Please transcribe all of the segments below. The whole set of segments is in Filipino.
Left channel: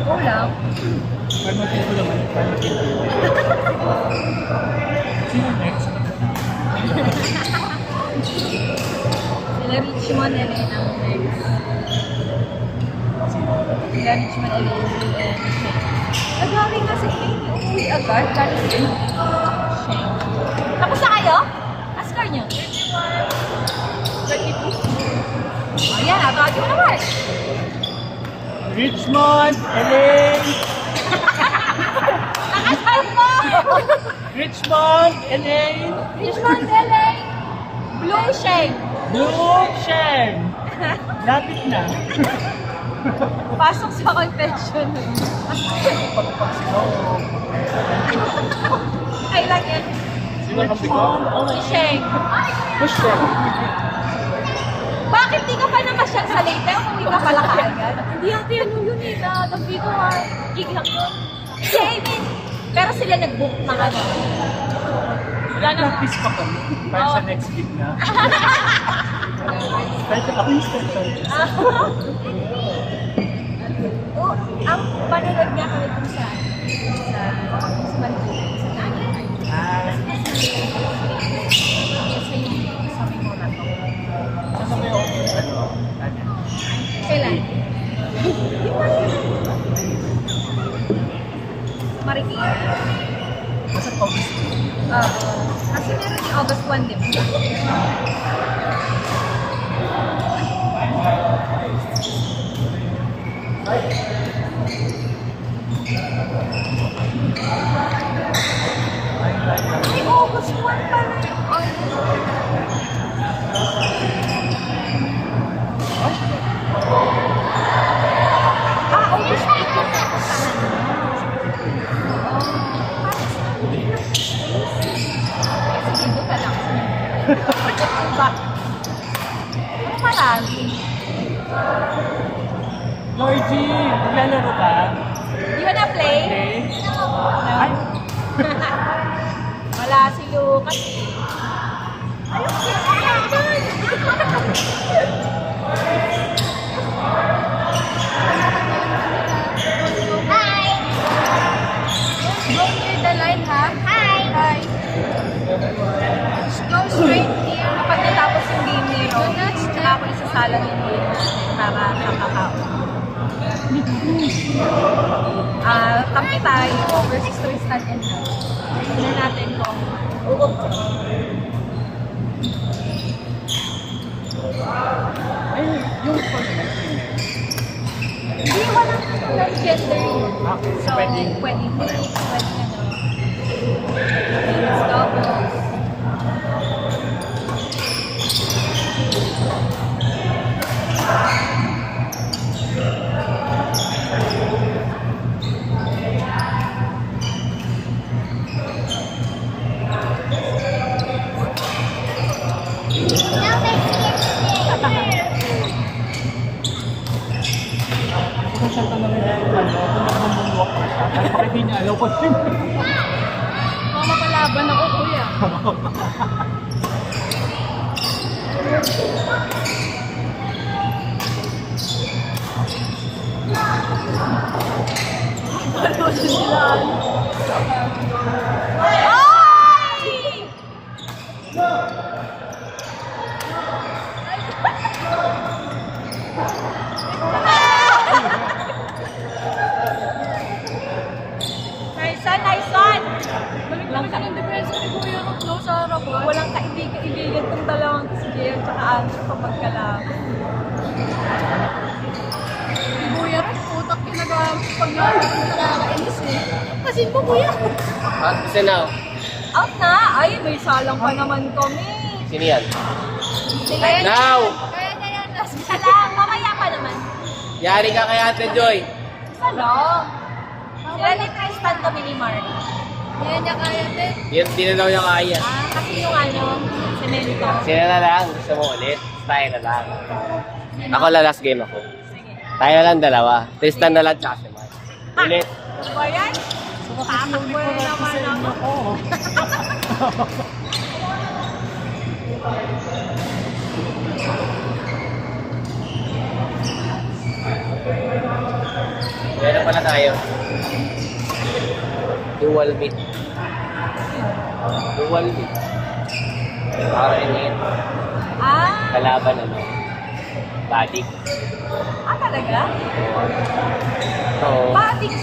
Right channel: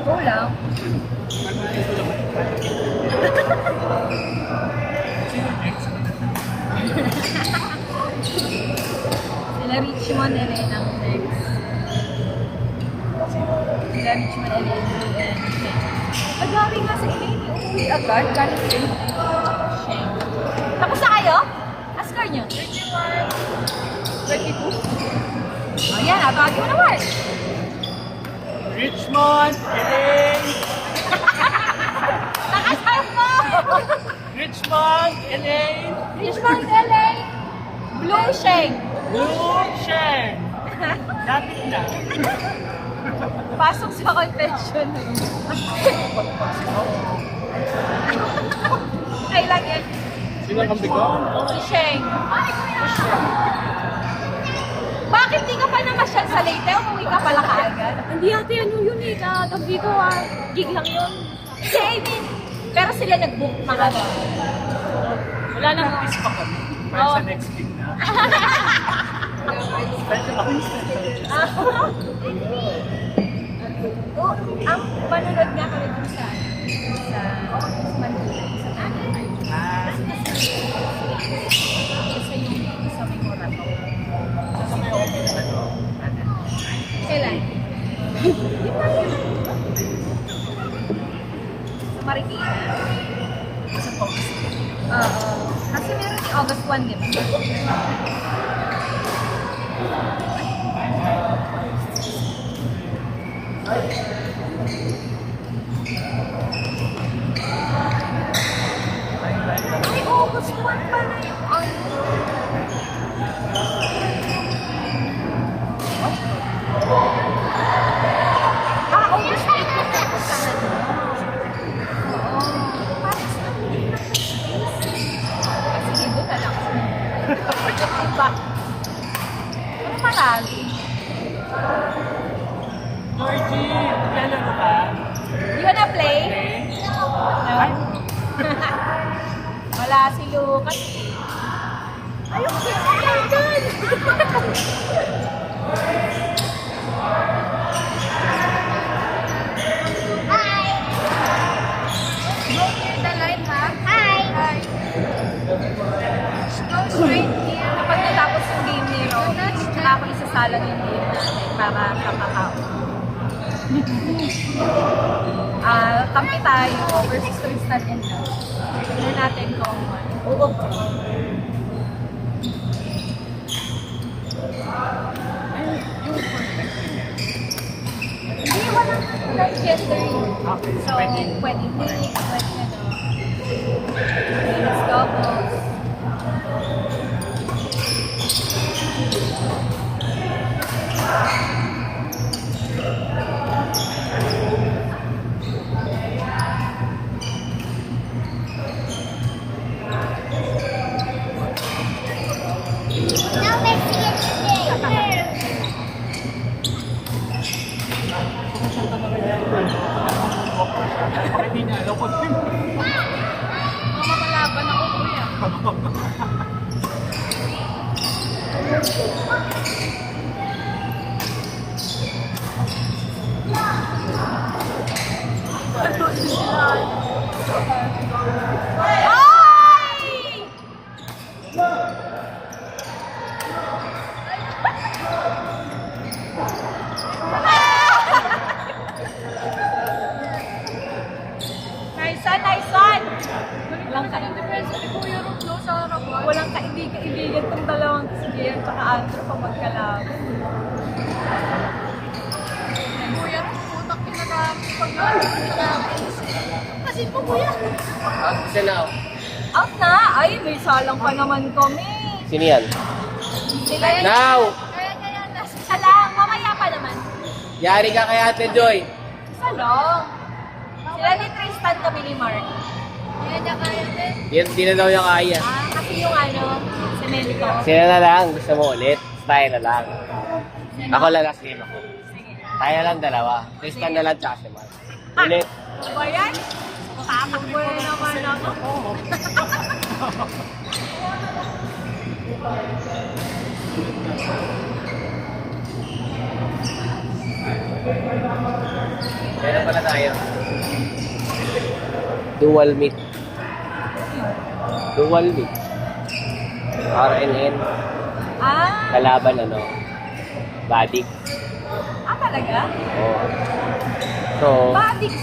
Go lang. Sila Richmond, Elena ang next. Sila Richmond, Elena, Blue, and Shane. Nagari nga sa Elaine, umuwi agad. Galing sa Shane. Tapos na kayo? Askar nyo? 22? O yan, tawagin mo na Mark. Richmond, Elaine! Nakasal mo! Richmond, Elaine! Richmond, Elaine, Blue, Shane. Blue Shen! Lapit na. Pasok sa confession room. Kailan yan? Sino ang bigo? Si Sheng. Bakit di ka pa namasyal sa Leyte? Umuwi ka pala kaagad? Hindi ate, ano yun eh, natabi ko gig lang yun. Si Amy. Pero sila nag-book mga Wala nang kiss pa kami. Para sa next week na. Special ako yung special. Oh, ang panonood nga kami dun sa Manila, sa Tanay. Sa yung sa may Morato. Kailan? Di ba yun? Sa Marikina? Sa August. Kasi meron yung August 1, di ba? Ay, August 1 pala yung ano. August 8 yung pupuntahan mo. Oo. Parang sa amin lang kasi dito ka lang. Ba? Ano marami? Georgie, maglalaro ka? You wanna play? No? Wala si Lucas. Ayun, kapag natapos yung game ni Robin, tsaka ako isasalang yung game natin para sa kakao. Kampi tayo versus Tristan and Love. Tignan natin kung ano. Hindi, wala naman gender yun. So, pwede mix, pwede ano. Mix doubles. Hindi niya, lopot yun. Nakalaban ako kuya. Ay! Nice one! Walang kaibigan tong dalawang si Jay at saka Andrew pag magkalaban. Kuya, putak kinagamit pag kasi po kuya. Isa na. Out na! Ay, may salang pa naman kami. Sino yan? Sila Now! isa lang, mamaya pa naman. Yari ka kay Ate Joy. Isa lang. Sila ni Tristan kami ni Mark. Yan niya kaya din. Yan, di na daw yung kaya. Kasi yung semento. Sino na lang? Gusto mo ulit? Tayo na lang. Ako la last game ako. Sige. Tayo na lang dalawa. Tristan na lang tsaka si Mark. Ulit. Ano ba yan? Tatakbo na naman ako. Meron pala tayo. Dual meat. Dual meat. RNN. Kalaban ano. Body. Talaga? So, Badix.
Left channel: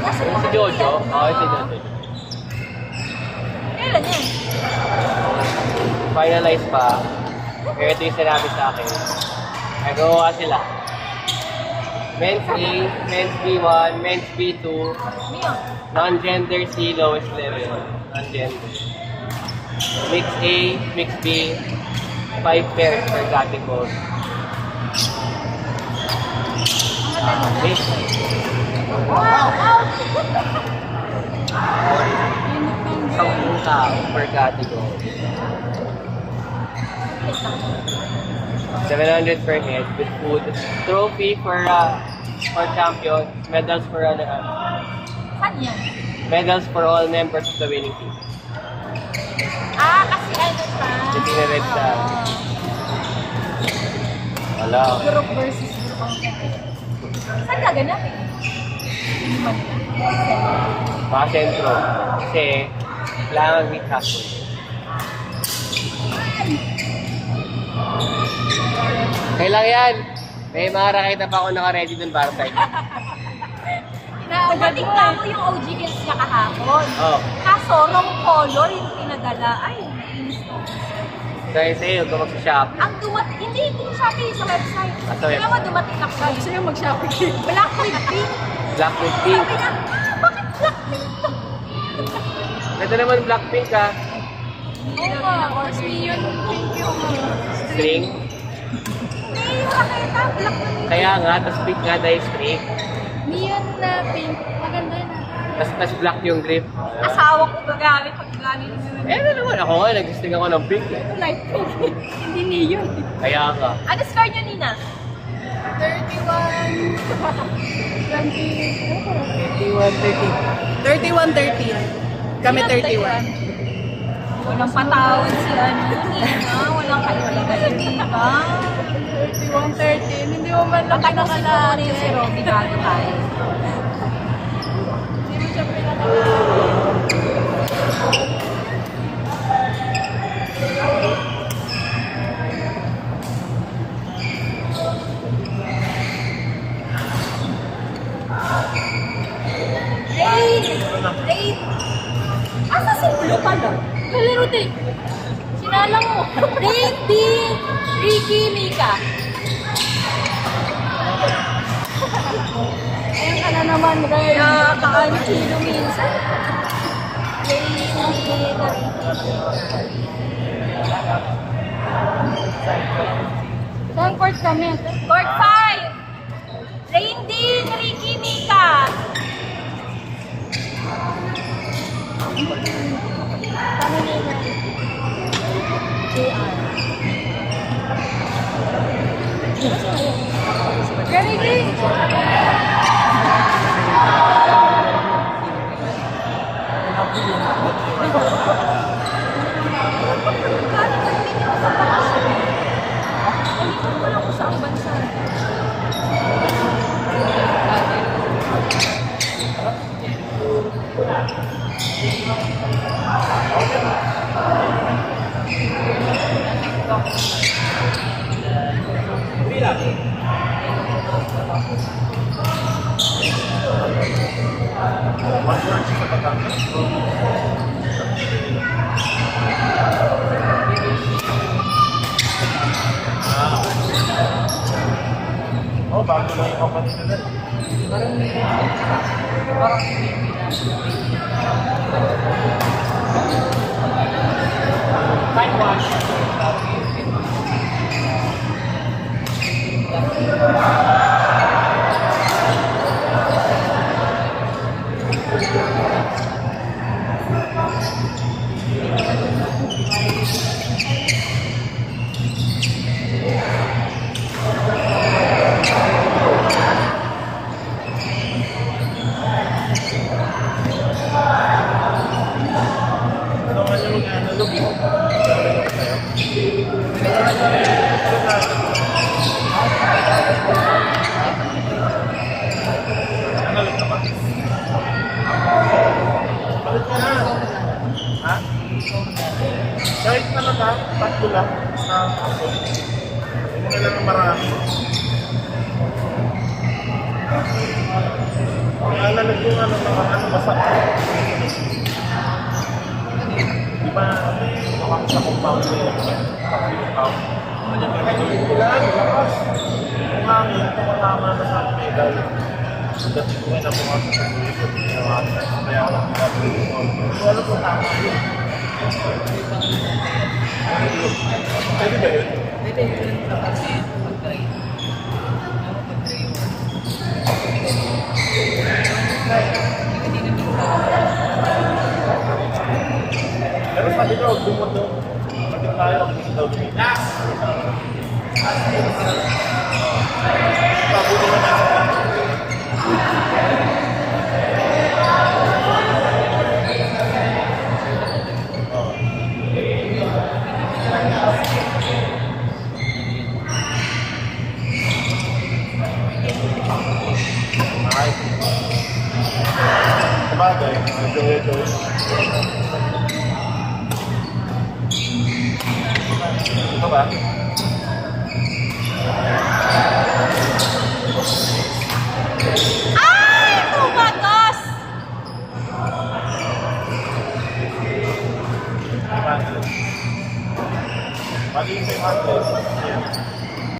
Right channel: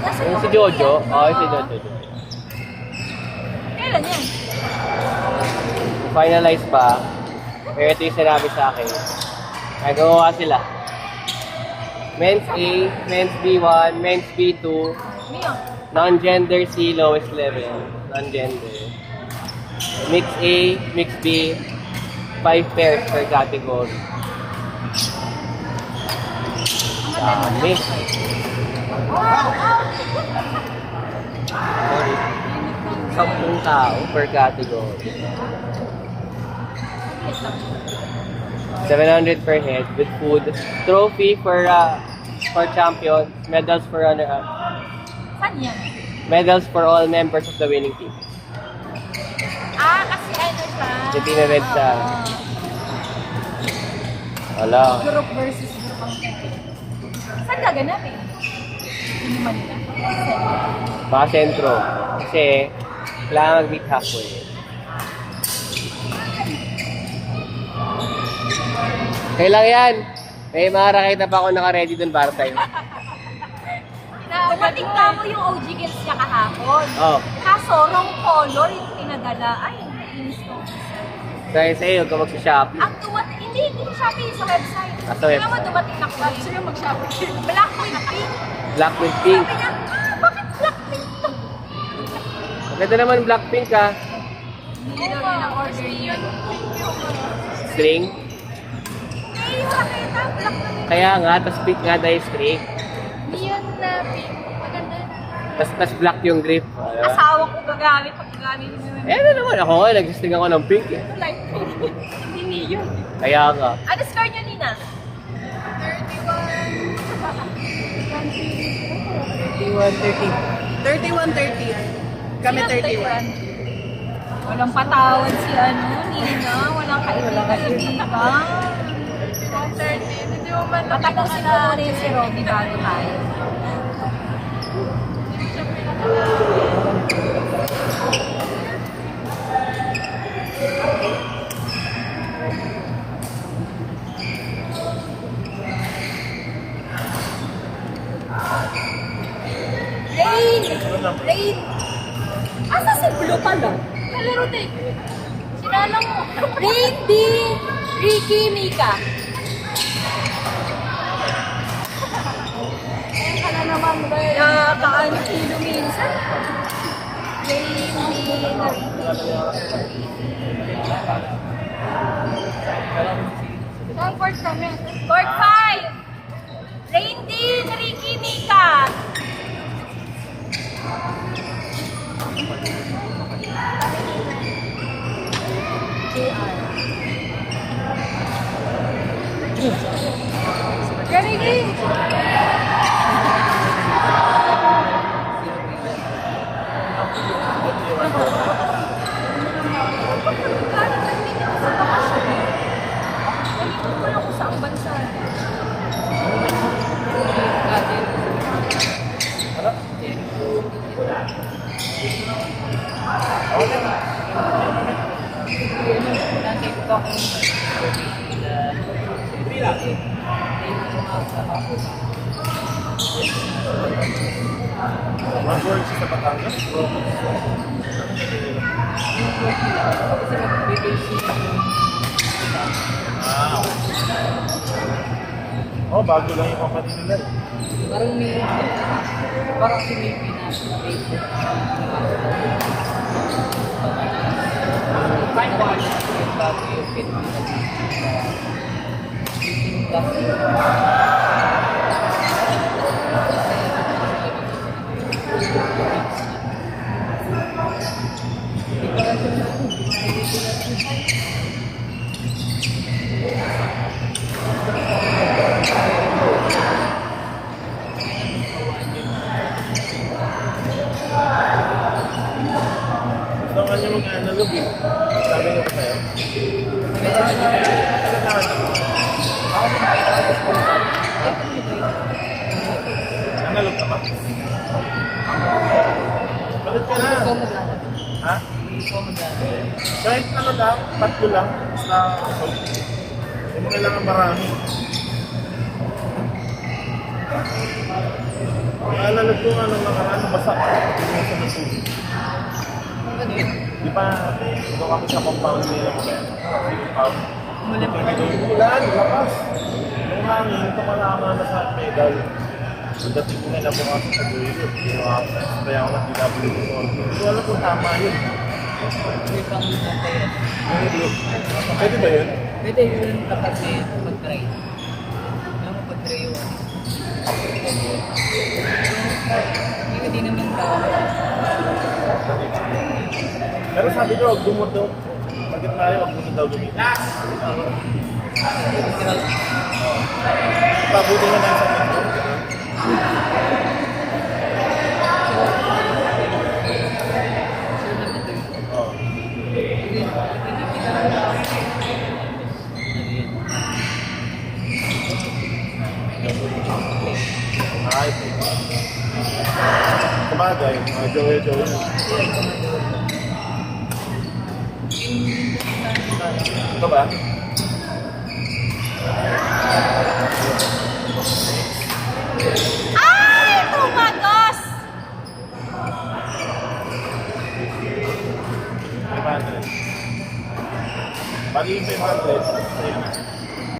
Nasaan si mo kami Jojo. yan, ba? Oo, si Jojo. Kailan yan? Finalize pa. Pero ito yung sinabi sa akin. Nagawa sila. Men's A, Men's B1, Men's B2, Mio. non-gender C, lowest level. Non-gender. Mix A, Mix B, 5 pairs per category. Ang madali lang. Mix. Sampung tao per category. Wait lang. 700 per head with food. Trophy for champion. Medals for Saan yan? medals for all members of the winning team. Kasi ano siya? Yung pinared sa... Oo. Wala. Group versus group ang pwede. Saan gaganapin? Hindi Manila? Mga sentro. Kasi, kailangan mag-meet halfway. Okay lang yan. May mga rakita pa ako naka-ready dun para sa'yo. Tumating ka mo yung OG Girls niya kahapon. Oh. Kaso, wrong color yung pinadala. Ay, nainis ko. Dahil sa'yo, tungkol sa Shopee. Ang dumating, hindi Shopee sa website. Ah, sa Kaya mo dumating na kulay. Gusto niyo mag-shopping. Black with pink. Black with pink. Sabi niya, bakit black pink to? Ganda naman Blackpink ha. Hindi daw yun ang order yun. String. Hindi, yung raketa, black na pink. Kaya nga, tas pink nga dahil string. Neon na pink. Maganda na. Tas black yung grip. Asawa ko gagamit pag gagamit mo. Eh, ano naman ako nga, nag-string ako ng pink eh. Light pink. Hindi neon. Kaya nga. Ano score nyo, Nina? 31-30. Kami Sino 31. Walang patawad si Nina. Walang kaibigan-ibigan. 31-30. Hindi mo man. Tatapusin ko muna yung si Robby bago tayo. Rain! Asa si Blue pala? Kalaro din. Sinala mo. Rain, D, Ricky, Mika. Ayan ka na naman, Ryan. Nakakaano kilo minsan. Rain, D, na Ricky, Mika. Saan court kami? Court 5! Rain, D, na Ricky, Mika. JR. Ready, ready. Nalipat ko lang kung saang bansa. One-word sa Batangas. Oh, bago lang yung kapatid nila. Parang may parang Pilipinas. Taiwan. Ito nga yung analog eh. Analog ka ba? Palit ka na. Ha? Kahit na na lang, tatlo lang. Hindi na lang marami. Ang analog din ano naman, basa. Di ba sa compound niya? Ulan, lakas. Umangin, ito pa naman na sa pedal. Ang dating ko na pumasok sa buhay ko. Kaya ako nag-W. Wala kung tama yun. Pwede ba yun? Pwede yun kasi mag-try. Mag-try yun. Hindi naman Pero sabi ko, huwag dumot daw. Pagkat tayo, huwag dumot daw. Relax! Pabuti mo na. Ay. Sabagay, medyo. Ito ba? Ay! Tumagos! Magiging 500.